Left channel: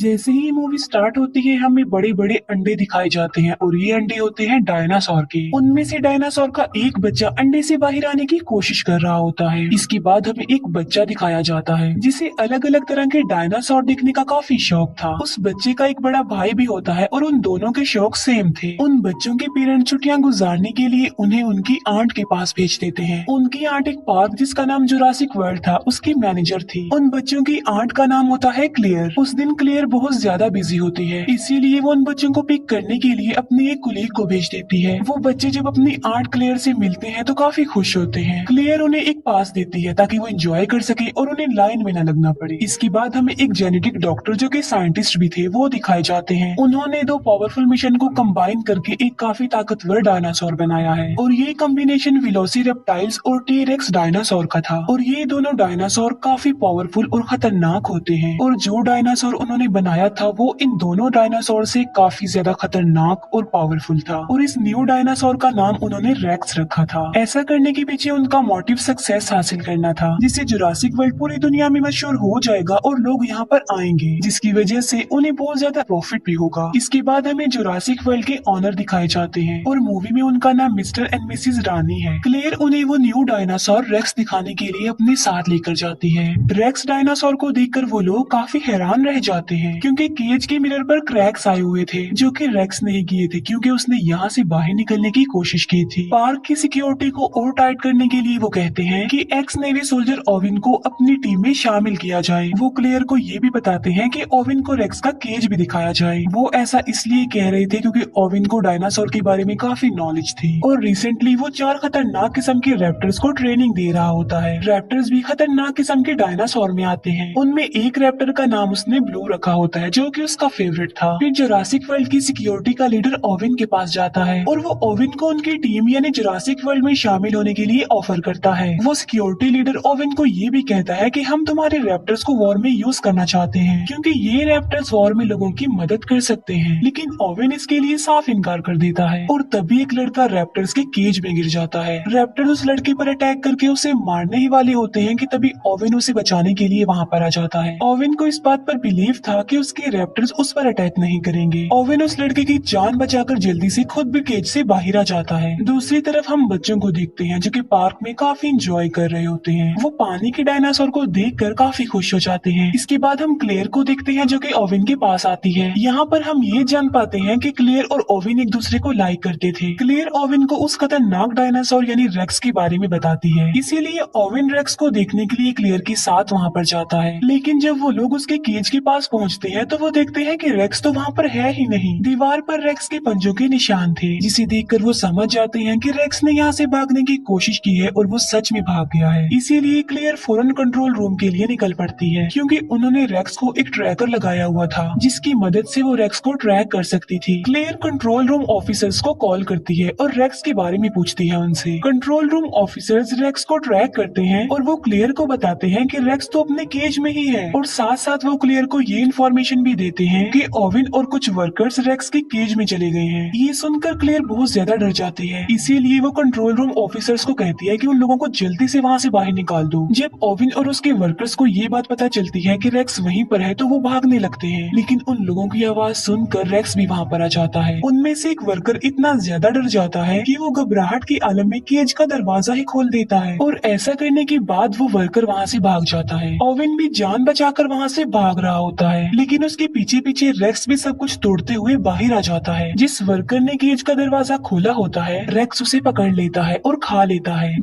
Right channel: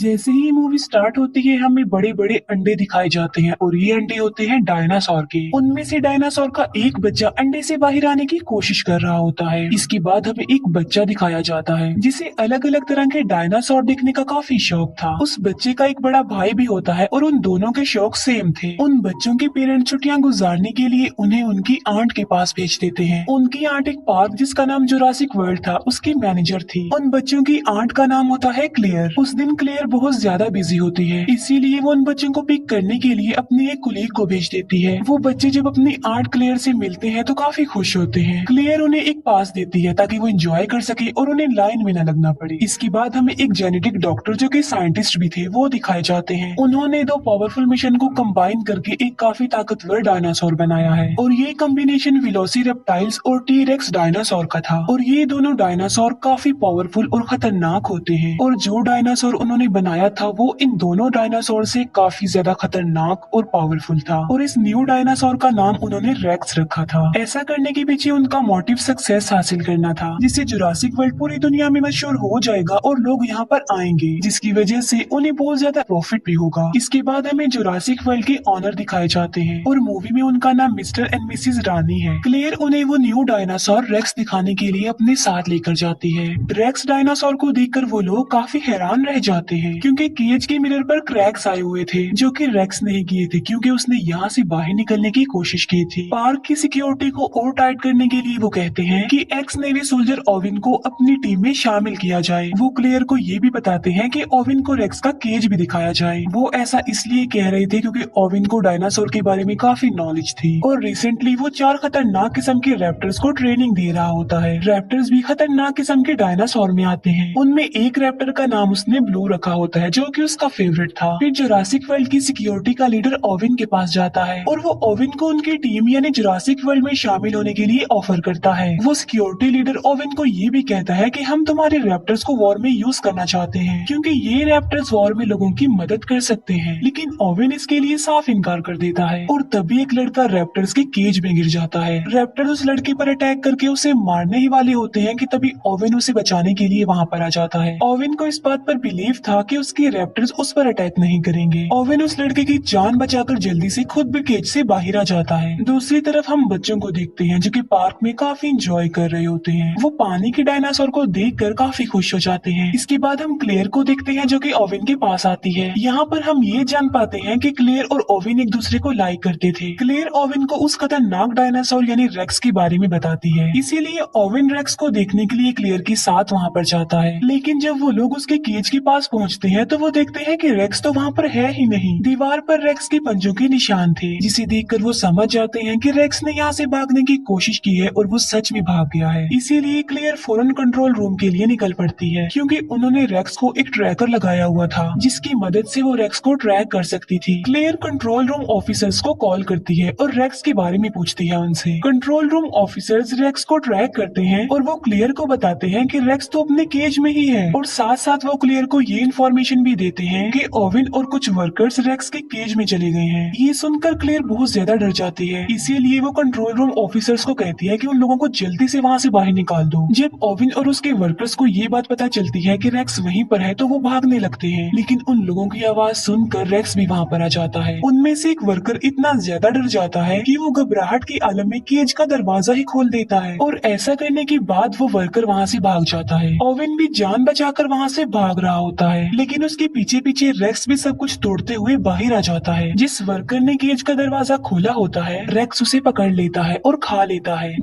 जैसे ही movie start होती है हमें बड़े बड़े अंडे दिखाए जाते हैं और ये अंडे होते हैं डायनासोर के। उनमें से डायनासोर का एक बच्चा अंडे से बाहर आने की कोशिश कर रहा होता है। इसके बाद हमें एक बच्चा दिखाया जाता है जिसे अलग अलग तरह के डायनासोर देखने का काफी शौक था। उस बच्चे का एक बड़ा भाई भी होता है और उन दोनों के शौक सेम थे। उन बच्चों के पेरेंट्स छुट्टियां गुजारने के लिए उन्हें उनकी आंट के पास भेज देते हैं। उनकी आंट एक पार्क जिसका नाम जुरासिक वर्ल्ड था उसकी मैनेजर थी। उन बच्चों की आंट का नाम होता है क्लेयर। उस दिन क्लेयर बहुत ज्यादा बिजी होती है, इसीलिए वो उन बच्चों को पिक करने के लिए अपने एक कुलीग को भेज देती है। वो बच्चे जब अपनी आर्ट क्लेयर से मिलते हैं तो काफी खुश होते हैं। क्लेयर उन्हें एक पास देती है ताकि वो एंजॉय कर सके और उन्हें लाइन में न लगना पड़े। इसके बाद हमें एक जेनेटिक डॉक्टर जो कि साइंटिस्ट भी थे वो दिखाए जाते हैं। उन्होंने दो पावरफुल मिशन को कंबाइन करके एक काफी ताकतवर डायनासोर बनाया है और ये कॉम्बिनेशन वेलोसिरेप्टाइल्स और टी-रेक्स डायनासोर का था। और ये दोनों डायनासोर काफी पावरफुल और खतरनाक होते हैं और जो डायनासोर उन्होंने बनाया था वो इन दोनों डायनासोर से काफी ज्यादा खतरनाक और पावरफुल था। और इस न्यू डायनासोर का नाम उन्होंने रेक्स रखा था। ऐसा करने के पीछे उनका मोटिव सक्सेस हासिल करना था, जिससे जुरासिक वर्ल्ड पूरी दुनिया में मशहूर हो जाएगा और लोग यहाँ पर आएंगे, जिसकी वजह से उन्हें बहुत ज्यादा प्रॉफिट भी होगा। इसके बाद हमें जुरासिक वर्ल्ड के ऑनर दिखाए जाते हैं और मूवी में उनका नाम मिस्टर एंड मिसिज रानी है। क्लेयर उन्हें वो न्यू डायनासोर रेक्स दिखाने के लिए अपने साथ लेकर जाती है। रेक्स डायनासोर को देखकर वो लोग काफी हैरान रह जाते हैं क्योंकि केज के मिरर पर क्रैक्स आए हुए थे जो कि रेक्स नहीं किए थे क्योंकि उसने यहाँ से बाहर निकलने की कोशिश की थी। पार्क की सिक्योरिटी को और टाइट करने के लिए वो कहते हैं कि एक्स नेवी सोल्जर ओविन को अपनी टीम में शामिल किया जाए। वो क्लेयर को ये भी बताते हैं कि ओविन को रेक्स का केज भी दिखाया जाए। वो ऐसा इसलिए कह रहे थे क्योंकि ओविन को डायनासोर के बारे में काफी नॉलेज थी और रिसेंटली वो 4 खतरनाक किस्म के रैप्टर्स को ट्रेनिंग दे रहा होता है। रैप्टर्स भी खतरनाक किस्म के डायनासोर में आते हैं। उनमें एक रैप्टर का नाम उसने ब्लू रखा होता है जो कि उसका फेवरेट था। फिर जुरासिक वर्ल्ड की सिक्योरिटी का लीडर ओविन के पास जाता है और वो ओविन को उनकी टीम यानी जुरासिक वर्ल्ड में शामिल होने के लिए ऑफर करता है। वो सिक्योरिटी लीडर ओविन को ये भी कहता है कि हम तुम्हारे रैप्टर्स को वॉर में यूज करना चाहते हैं क्योंकि ये रैप्टर्स वॉर में लोगों की मदद कर सकते हैं। लेकिन ओविन इसके लिए साफ इनकार कर देता है और तभी एक लड़का रैप्टर्स के केज में गिर जाता है। रैप्टर उस लड़के पर अटैक करके उसे मारने ही वाले होते हैं कि तभी ओविन उसे बचाने के लिए वहाँ पर आ जाता है। ओविन को इस बात पर बिलीव था कि उसके रैप्टर्स उस पर अटैक नहीं करेंगे। ओविन उस लड़के की जान बचाकर जल्दी से खुद भी केज से बाहर आ जाता है। दूसरी तरफ हम बच्चों को देखते हैं जो कि पार्क में काफी एंजॉय कर रहे होते हैं। वो पानी के डायनासोर को देखकर काफी खुश हो जाते हैं। इसके बाद हम क्लेयर को देखते हैं जो कि ओविन के पास आती है। यहाँ पर हम ये जान पाते हैं कि क्लेयर और ओविन एक दूसरे को लाइक करते थे। क्लेयर ओविन को उस खतरनाक डायनासोर यानी रेक्स के बारे में बताती है, इसीलिए ओविन रेक्स को देखने के लिए क्लेयर के साथ वहाँ पर जाता है। लेकिन जब वो लोग उसके केज के पास पहुँचते हैं तो वो देखते हैं कि रेक्स तो वहाँ पर है ही नहीं। दीवार पर रेक्स के पंजों के निशान थे, जिसे देखकर वो समझ जाते हैं कि रेक्स ने यहाँ से भागने की कोशिश की है और वो सच में भाग गया है। इसीलिए क्लेयर फौरन कंट्रोल रूम के लिए निकल पड़ती है क्योंकि उन्होंने रेक्स को एक ट्रैकर लगाया हुआ था जिसकी मदद से वो रेक्स को ट्रैक कर सकती थी। क्लेयर कंट्रोल रूम ऑफिसर्स को कॉल करती है और रेक्स के बारे में पूछती है उनसे। कंट्रोल रूम ऑफिसर्स रेक्स को ट्रैक करते हैं और वो क्लेयर को बताते हैं कि रेक्स तो अपने केज में ही है और साथ साथ वो क्लेयर को ये इन्फॉर्मेशन भी देते हैं कि ओविन और कुछ वर्कर्स रेक्स के केज में चले गए हैं। ये सुनकर क्लेयर बहुत ज्यादा डर जाती है, इसीलिए वो कंट्रोल रूम ऑफिसर्स को कहती है कि उन लोगों को जल्दी से वहाँ से बाहर निकाल दो। जब ओविन और उसके वर्कर्स को ये बात पता चलती है कि रेक्स वहीं पर है तो वो भागने लगते हैं, लेकिन उन लोगों की आवाज सुनकर रेक्स भी वहाँ पर आ जाता है। उनमें से एक वर्कर इतना ज्यादा डर जाता है कि वो घबराहट के आलम में केज का दरवाजा ही खोल देता है और ऐसा करने के बाद वो वर्कर वहाँ से भाग जाता है। ओविन भी जान बचाकर वहाँ से भाग रहा होता है, लेकिन उसके पीछे पीछे रेक्स भी सब कुछ तोड़ते हुए बाहर आ जाता है। जिस वर्कर ने केज का दरवाजा खोला होता है रेक्स उसे पकड़ लेता है और खा लेता है।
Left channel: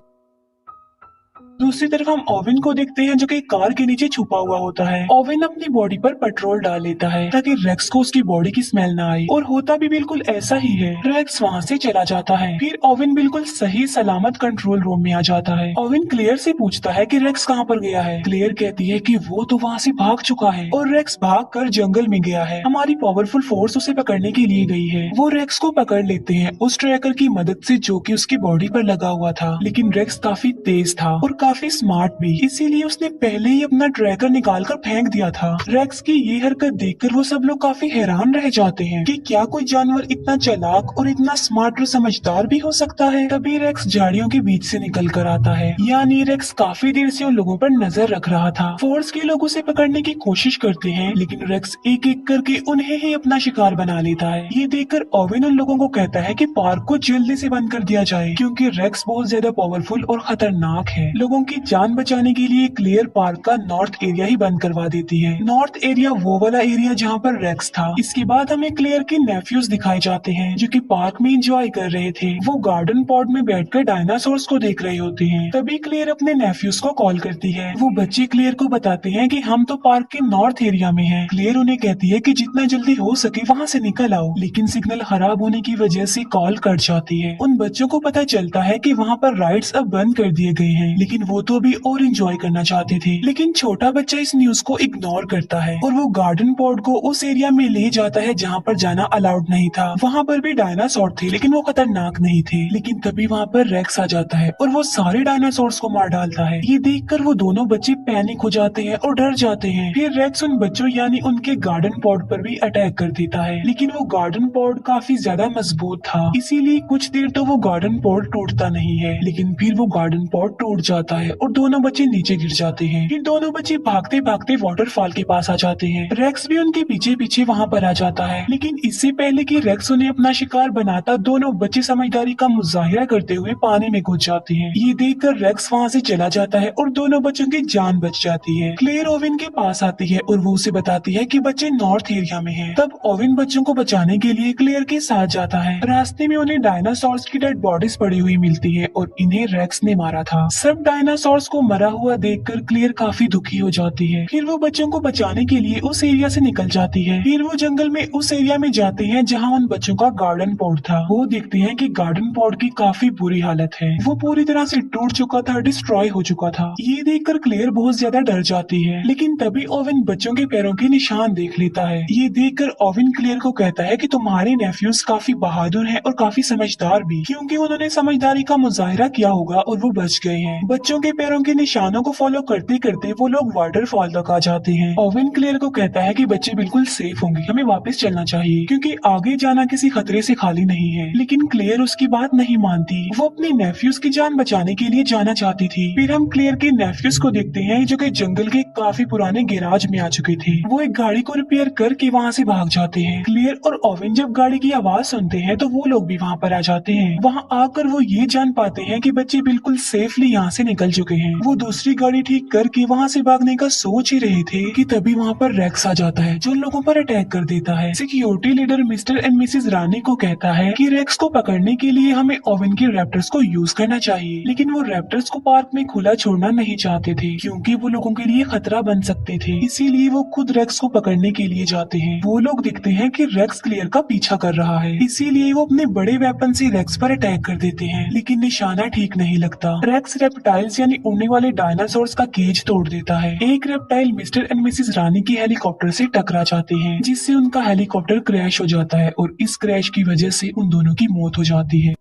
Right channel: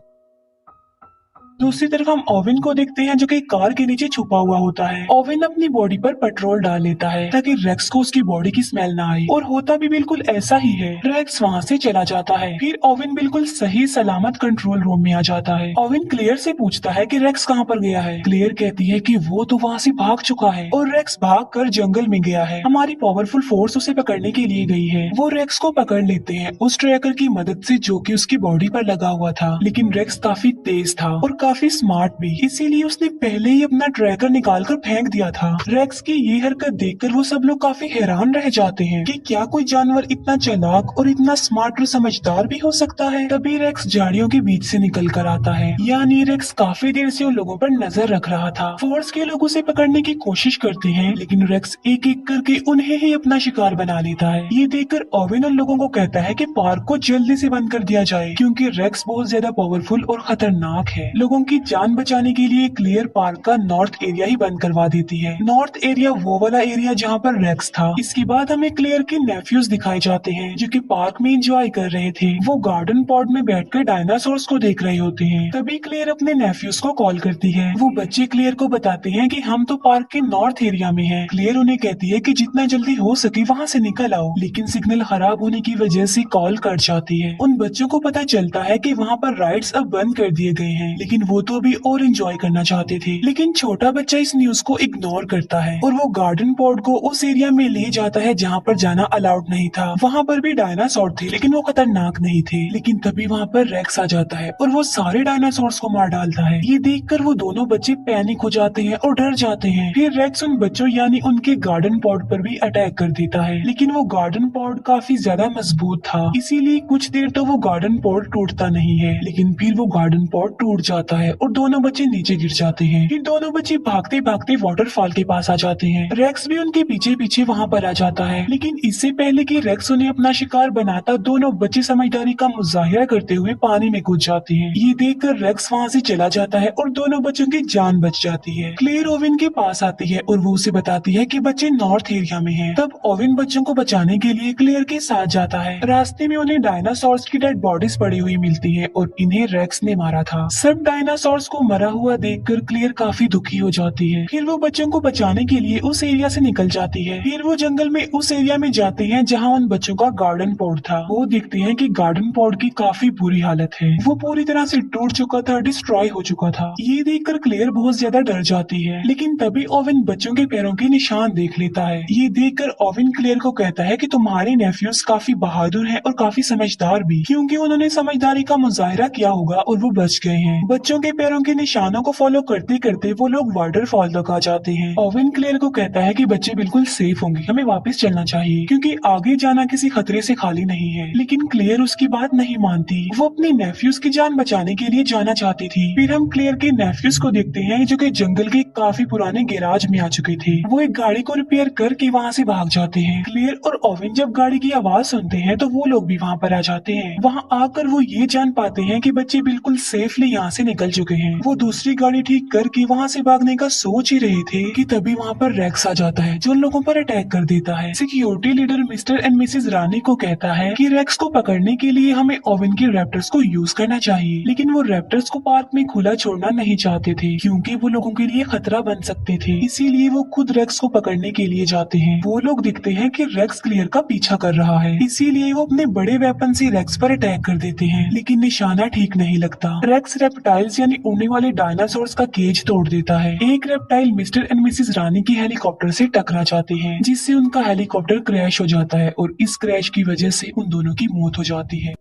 दूसरी तरफ हम ओविन को देखते हैं जो कि कार के नीचे छुपा हुआ होता है। ओविन अपनी बॉडी पर पेट्रोल डाल लेता है ताकि रेक्स को उसकी बॉडी की स्मेल ना आए और होता भी बिल्कुल ऐसा ही है। रेक्स वहाँ से चला जाता है। फिर ओविन बिल्कुल सही सलामत कंट्रोल रूम में आ जाता है। ओविन क्लेयर से पूछता है कि रेक्स कहाँ पर गया है। क्लेयर कहती है कि वो तो वहाँ से भाग चुका है और रेक्स भाग कर जंगल में गया है। हमारी पावरफुल फोर्स उसे पकड़ने के लिए गई है। वो रेक्स को पकड़ लेते हैं उस ट्रैकर की मदद से जो कि उसकी बॉडी पर लगा हुआ था, लेकिन रेक्स काफी तेज था और काफी स्मार्ट भी, इसीलिए उसने पहले ही अपना ट्रैकर निकालकर फेंक दिया था। रेक्स की ये हरकत देखकर वो सब लोग काफी हैरान रह जाते हैं कि क्या कोई जानवर इतना चालाक और इतना स्मार्ट और समझदार भी हो सकता है। तभी रेक्स झाड़ियों के बीच से निकल कर आता है, यानी रेक्स काफी देर से उन लोगों पर नजर रख रहा था। फोर्स के लोग उसे पकड़ने की कोशिश करते हैं, लेकिन रेक्स एक एक करके उन्हें ही अपना शिकार बना लेता है। ये देखकर ओवेन उन लोगों को कहता है कि पार्क को जल्दी से बंद कर दिया जाए, क्योंकि रेक्स बहुत ज्यादा पावरफुल और खतरनाक है। लोगों की जान बचाने के लिए क्लियर पार्क का नॉर्थ एरिया ही बंद करवा देती है। नॉर्थ एरिया वो वाला एरिया जहाँ पर रेक्स था। इसके बाद हमें क्लियर के नेफ्यूज दिखाए जाते हैं, जो कि पार्क में एंजॉय कर रहे थे। वो गार्डन पॉड में बैठकर डायनासोर्स को देख रहे होते हैं। तभी क्लियर अपने नेफ्यूज को कॉल करती है। वो बच्चे क्लियर को बताते हैं कि हम तो पार्क के नॉर्थ एरिया में हैं। क्लियर उन्हें कहती है कि जितना जल्दी हो सके वहाँ से निकल आओ, लेकिन सिग्नल खराब होने की वजह से कॉल कट जाती है। उन बच्चों को पता चलता है कि वहाँ पर राइड्स अब बंद कर दिए गए हैं, लेकिन वो तो अभी और एंजॉय करना चाहते थे। लेकिन छोटा बच्चा इस न्यूज को इग्नोर करता है और वो गार्डन पॉड को उस एरिया में ले जाता है जहाँ पर जाना अलाउड नहीं था। वहाँ पर भी डायनासोर थे, लेकिन वो खतरनाक नहीं थे। लेकिन तभी वहाँ पर रेक्स आ जाता है और वो सारे डायनासोर्स को मार डालता है। ये देखकर वो दोनों बच्चे पैनिक हो जाते हैं और डर जाते हैं। फिर रेक्स उन बच्चों यानी उनके गार्डन पॉड पर भी अटैक कर देता है, लेकिन वो गार्डन पॉड काफी ज्यादा मजबूत था, इसीलिए कुछ देर तो वो गार्डन पॉड टूटता नहीं है। लेकिन फिर वो गार्डन पॉड टूट जाता है और दोनों बच्चे नीचे गिर जाते हैं। फिर दोनों बच्चे भागते भागते वाटरफॉल के पास आ जाते हैं। रेक्स भी उनके पीछे पीछे वहाँ पर आ जाता है, लेकिन इससे पहले कि रेक्स उन्हें अपना शिकार बनाता, दोनों बच्चे समझदारी का मुजाहिरा करते हुए पानी में कूद जाते हैं। ये देखकर रेक्स वहाँ से चला जाता है और दोनों बच्चों की जान बच जाती है। क्लेयर ओवेन के पास आती है और वो उसे बताती है कि बच्चे नॉर्थ एरिया में हैं। तब ओवेन बच्चों को बचाने के लिए क्लेयर के साथ जाता है। रास्ते में उन्हें डायनासोर्स की डेड बॉडीज पड़ी हुई मिलती है और इन्हें रेक्स ने मारा था। सब डायनासोर्स को मरा हुआ देखकर क्लेयर काफी दुखी हो जाती है। फिर वो बच्चों को बचाने के लिए उस एरिया से निकल जाती है। फिर वो जंगल में उस एरिया में जाते हैं जहाँ उन बच्चों का गार्डन पॉड था। वो देखते हैं कि गार्डन पॉड की काफी बुरी हालत है, वो पूरी तरह से टूट चुका था, डिस्ट्रॉय हो चुका था। ये देखकर क्लेयर बहुत ज्यादा डर जाती है, लेकिन तभी ओवेन बच्चों के पैरों के निशान देख लेता है। ये देखकर ओवेन क्लेयर को कहता है कि तुम्हारे नेफ्यूज काफी बहादुर हैं और काफी समझदार भी, क्योंकि उन्होंने समझदारी का मुजाहिरा किया होगा और वो बच गए हैं। बच्चों के पैरों के निशानों को फॉलो करते करते वो लोग वाटरफॉल तक आ जाते हैं। ओवेन क्लेयर को कहता है कि बच्चे बिल्कुल सेफ होंगे, हमें वापस चलना चाहिए, क्योंकि आगे जाना किसी खतरे से खाली नहीं है। लेकिन क्लेयर उसकी बात नहीं मानती, वो अपने नेफ्यूज की जान बचाने के लिए जाना चाहती थी। फिर हम क्लेयर के नेफ्यूज को देखते हैं जो कि जंगल के काफी पुराने गैराज में आ चुके थे। वो एक गाड़ी को रिपेयर करके वहाँ से भाग जाते हैं। क्लेयर और ओवेन जब गाड़ी की आवाज सुनते हैं तो वो लोग भी वहाँ पर आ जाते हैं। वहाँ आकर वो ये जान पाते हैं कि बच्चे बिल्कुल सेफली यहाँ से निकल चुके हैं। वो दूसरी गाड़ी ठीक करके वहाँ से भागने का सोच ही रहे थे कि तभी वहाँ पर रेक्स आ जाता है, जो उन लोगों पर अटैक कर देता है। Security leader mister and missus Rani को कहता है कि रेक्स को पकड़ने के लिए हमें ओवेन के रैप्टर्स को यूज करना चाहिए, लेकिन वो रैप्टर्स को पार्क में खुला छोड़ना नहीं चाहते थे, क्योंकि वो लोगों के लिए खतरा बन सकते थे। इसीलिए वो खुद रेक्स को पकड़ने के लिए जाते हैं। वो लोग दिखते हैं कि रेक्स क्लियर का पीछा कर रहा है, इसीलिए वो अपने बड़े वेपन से रेक्स पर अटैक कर देते हैं, लेकिन निशाना ठीक नहीं लगता। रेक्स रेप्टाइल्स यानी उड़ने वाले डायनासोर्स का केज तोड़ देता है। एक रेप्टाइल मिस्टर एंड मिसेज रानी की हेलीकॉप्टर से टकरा जाते हैं, जिससे उनका हेलीकॉप्टर क्रैश हो जाता है और इस क्रैश की वजह से उन दोनों की मौत हो जाती है।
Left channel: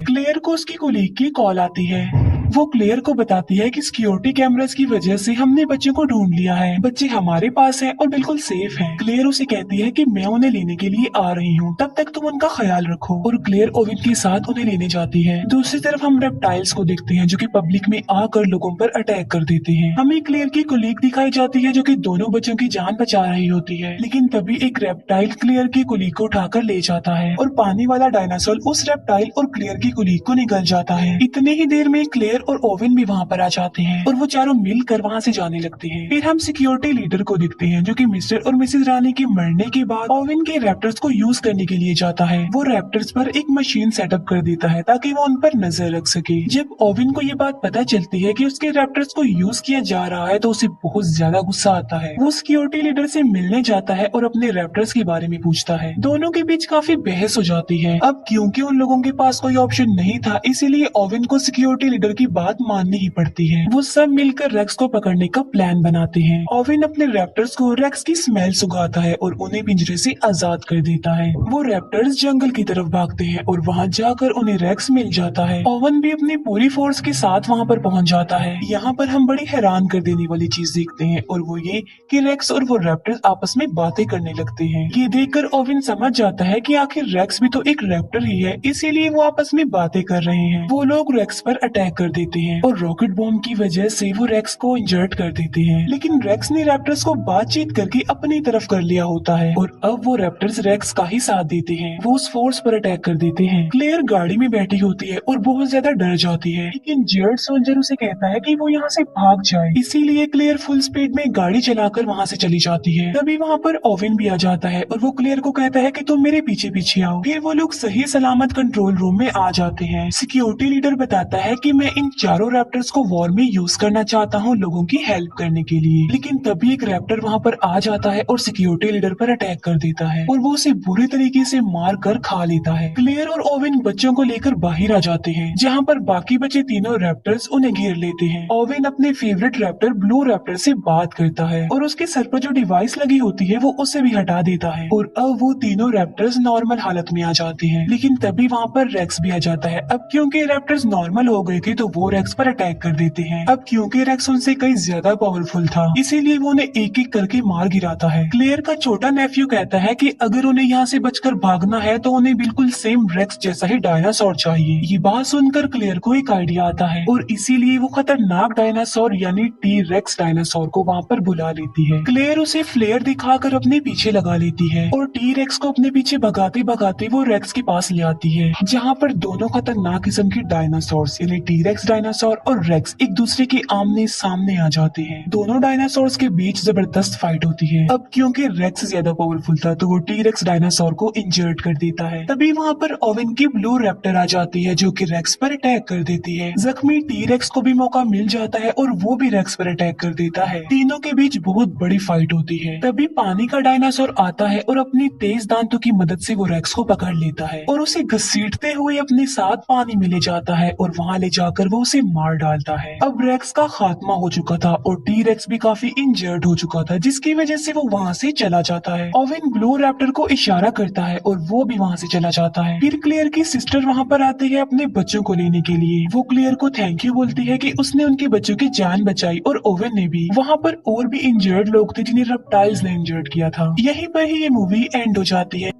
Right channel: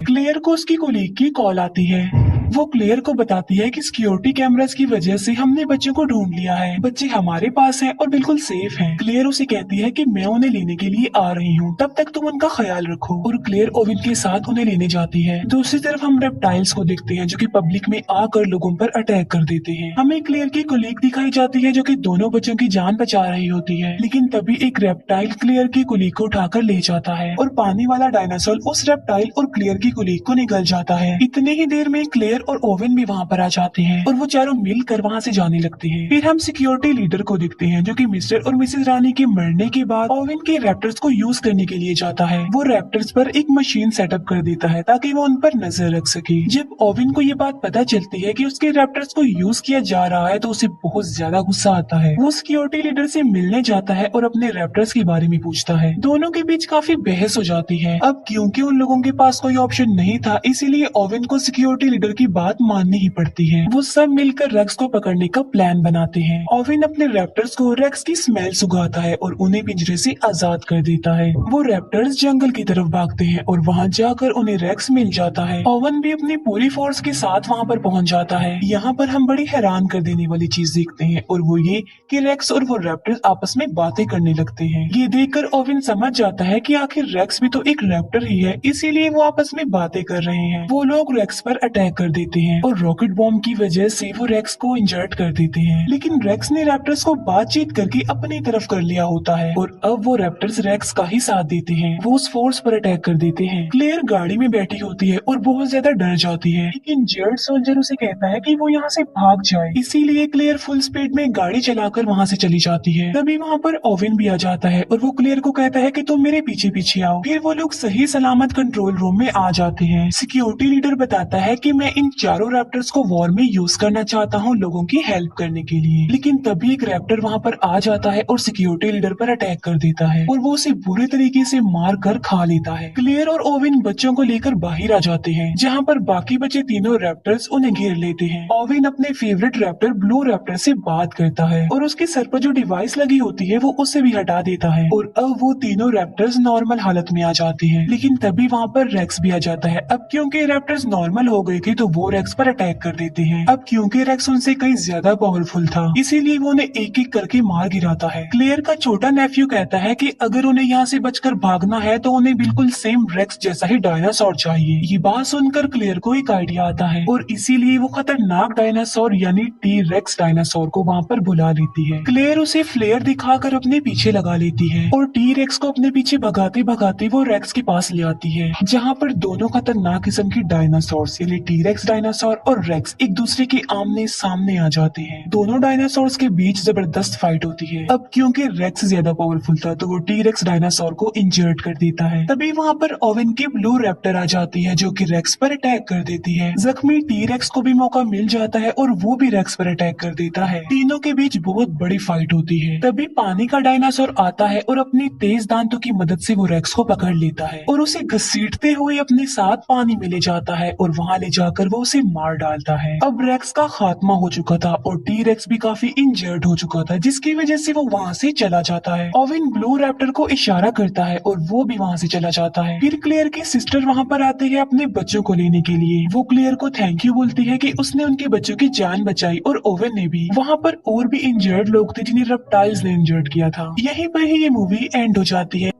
क्लेयर को उसकी कोलीग की कॉल आती है। वो क्लेयर को बताती है कि सिक्योरिटी कैमरास की वजह से हमने बच्चे को ढूंढ लिया है, बच्चे हमारे पास हैं और बिल्कुल सेफ हैं। क्लेयर उसे कहती है कि मैं उन्हें लेने के लिए आ रही हूँ, तब तक तुम उनका ख्याल रखो, और क्लेयर ओवेन के साथ उन्हें लेने जाती है। दूसरी तरफ हम रेप्टाइल्स को देखते हैं जो कि पब्लिक में आकर लोगों पर अटैक कर देते हैं। हमें क्लेयर की कोलीग दिखाई जाती है जो कि दोनों बच्चों की जान बचा रही होती है, लेकिन तभी एक रेप्टाइल क्लेयर की कोलीग को उठाकर ले जाता है और पानी वाला डायनासोर उस रेप्टाइल और क्लेयर की कोलीग को निगल जाता है। इतनी ही देर में क्लेयर और ओवेन भी वहाँ पर आ जाते हैं और वो चारों मिलकर वहाँ से जाने लगते हैं। फिर हम सिक्योरिटी लीडर को देखते हैं जो कि मिस्टर और मिसेज रानी के मरने के बाद ओवेन के रैप्टर्स को यूज करने के लिए जाता है। वो रैप्टर्स पर एक मशीन सेटअप कर देता है ताकि वो उन पर नजर रख सके। जब ओवेन को ये बात पता चलती है कि उसके रैप्टर्स को यूज किया जा रहा है तो उसे बहुत ज्यादा गुस्सा आता है। वो सिक्योरिटी लीडर से मिलने जाता है और अपने रैप्टर्स के बारे में पूछता है। दोनों के बीच काफी बहस हो जाती है। अब क्योंकि उन लोगों के पास कोई ऑप्शन नहीं था, इसीलिए ओवेन को सिक्योरिटी लीडर की बात माननी ही पड़ती है। वो सब मिलकर रेक्स को पकड़ने का प्लान बनाते हैं। ओवेन अपने रैप्टर्स को रेक्स की स्मेल सुंघाता है और उन्हें पिंजरे से आजाद कर देता है। वो रैप्टर्स जंगल की तरफ भागते हैं और वहाँ जाकर उन्हें रेक्स मिल जाता है। ओवेन भी अपनी पूरी फोर्स के साथ वहाँ पर पहुँच जाता है। यहाँ पर हम बड़ी हैरान कर देने वाली चीज देखते हैं और वो ये कि रेक्स और वो रैप्टर्स आपस में बातें करने लगते हैं। ये देखकर ओवेन समझ जाता है कि आखिर रेक्स भी तो एक रैप्टर ही है, इसीलिए वो आपस में बातें कर रहे हैं। वो लोग रेक्स पर अटैक कर देते हैं और रॉकेट बॉम्ब की वजह से वो रेक्स को इंजर्ड कर देते हैं। लेकिन रेक्स ने रैप्टर्स को बातचीत करके अपनी तरफ कर लिया होता है और अब वो रैप्टर्स रेक्स का ही साथ देते हैं। वो उस फोर्स पर अटैक कर देते हैं। क्लेयर गाड़ी में बैठी होती है और बहुत ज्यादा डर जाती है, लेकिन जेड सोल्जर उसे कहता है कि वो यहाँ से भाग जाए, इसीलिए क्लेयर फुल स्पीड में गाड़ी चलाकर वहाँ से चली जाती है। तभी वहाँ पर ओवेन भी आ जाता है और वो क्लेयर को कहता है कि तुम मेरे पीछे पीछे आओ। फिर वो लोग सही सलामत कंट्रोल रूम में आ जाते हैं। सिक्योरिटी लीडर बताता है कि मैं इन चारों रैप्टर्स को वॉर में यूज करना चाहता हूँ लोगों की हेल्प करने के लिए। लेकिन तभी एक रैप्टर वहाँ पर आ जाता है और सिक्योरिटी लीडर पर अटैक कर देता है और वो उसे बुरी तरीके से मार कर खा लेता है। क्लेयर और ओवेन बच्चों को लेकर बाहर आ जाते हैं, जहाँ पर बाकी बचे तीनों रैप्टर्स उन्हें घेर लेते हैं। ओवेन अपने फेवरेट रैप्टर ब्लू रैप्टर से बात करता है और उसके सर पर जो डिवाइस लगी होती है वो उसे भी हटा देता है और अब वो तीनों रैप्टर्स नॉर्मल हालत में आ जाते हैं। लेकिन तभी वहाँ पर रेक्स भी आ जाता है। अब क्योंकि रैप्टर्स नॉर्मल हो गए थे तो वो रेक्स पर अटैक कर देते हैं। अब क्योंकि रेक्स उनसे कहीं ज्यादा पावरफुल था, इसीलिए वो उन्हें एक एक करके मार गिराता है। क्लेयर का छोटा नेफ्यू कहता है कि अगर उन्हें यहाँ से बचकर भागना है तो उन्हें बिल्कुल सेम रेक्स जैसा ही डायनासोर चाहिए। ये बात सुनकर क्लेयर को एक आइडिया आता है और इसीलिए वो खतरनाक डायनासोर यानी टी रेक्स डायनासोर को वहाँ पर बुला लेती है। क्लेयर उसे फ्लेयर दिखाकर अपने पीछे लगा लेती है और टी रेक्स को अपने पीछे भगाते भगाते वो रेक्स के पास ले आती है, जहाँ पर दोनों खतरनाक किस्म की डायनासोर्स यानी टी रेक्स डायनासोर और रेक्स एक दूसरे के आमने सामने आ जाते हैं। दोनों डायनासोर्स के बीच जबरदस्त फाइट होती है। अब क्योंकि रेक्स ज्यादा पावरफुल था तो वो टी रेक्स डायनासोर को इंजर्ड कर देता है। तभी वहाँ पर ओवेन की ब्लू रैप्टर आ जाती है जो कि रेक्स पर अटैक कर देती है। जख्मी टी रेक्स को भी मौका मिल जाता है और वो भी रेक्स पर अटैक कर देता है। तीनों के बीच बहुत बड़ी फाइट होती है। तभी पानी का डायनासोर आता है और अपनी तेज दांतों की मदद से वो रेक्स को पकड़ लेता है और उसे घसीटते हुए अपने साथ पानी में ले जाता है और वहाँ ले जाकर वो उसे मार डालता है। अब रेक्स का खात्मा हो चुका था और टी रेक्स भी काफी इंजर्ड हो चुका था, जिसकी वजह से वो वहाँ से चला जाता है। ओवेन ब्लू रैप्टर को इशारा करता है और वो भी वहाँ से चला जाता है। फिर क्लेयर की सिस्टर वहाँ पर आती है अपने बच्चों को लेने के लिए। वो क्लेयर को थैंक यू बोलती है कि उसने उनके बच्चों की जान बचाई और ओवेन ने भी। वहाँ पर और भी इंजर्ड लोग थे जिन्हें रेप्टाइल्स ने इंजर्ड किया था। यहीं पर ही ये मूवी एंड हो जाती है।